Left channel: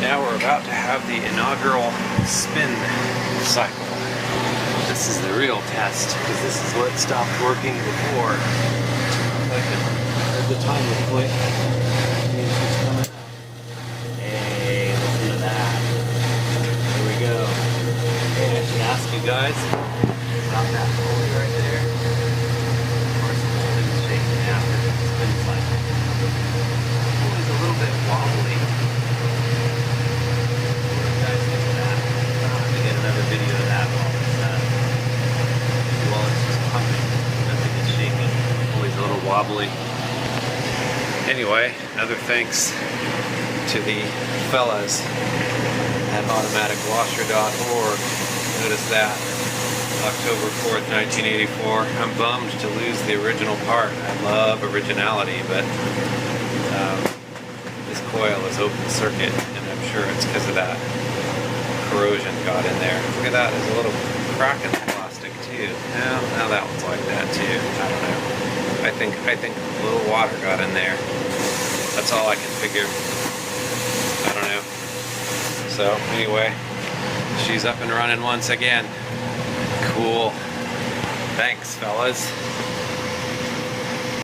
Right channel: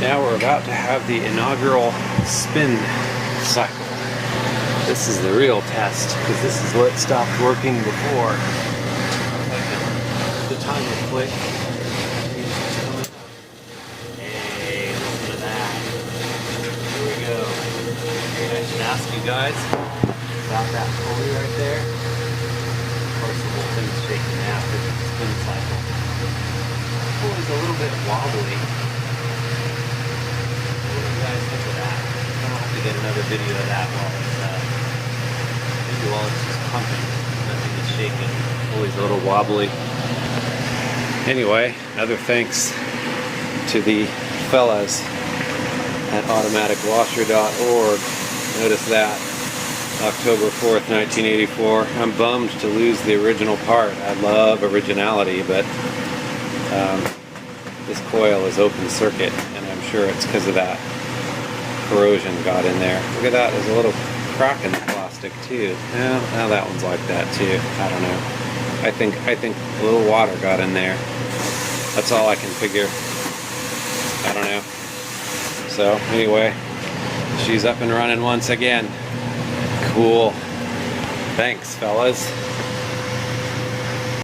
Now we're about to have the inaugural spin cycle. This is the real test, because this is what stopped working before. The time was quite. Hey, listen to that. Here we go. And I should ask you guys about that pulley right there. Of course, the whole thing's shaking after the spin cycle. The pulley's a little bit wobbly. What do you guys think of that? I'll have to get another video of that while it's just pumping. It's shaking. Always a little wobbly. Anyway, another thanks to the fellas at automaticwasher.org. Notice that. October 4th, 1984. I'm bummed to lose the original part. I love originality, but this coil is open circuit, and I'm sure it's because of that corrosion got in there. Look at that, there's a little crack in the plastic too. Well, that one's like that too. I don't know. I think a little water got in there. That's all I can figure. I don't know. So anyway, she's up and running once again. Cool. Thanks, fellas.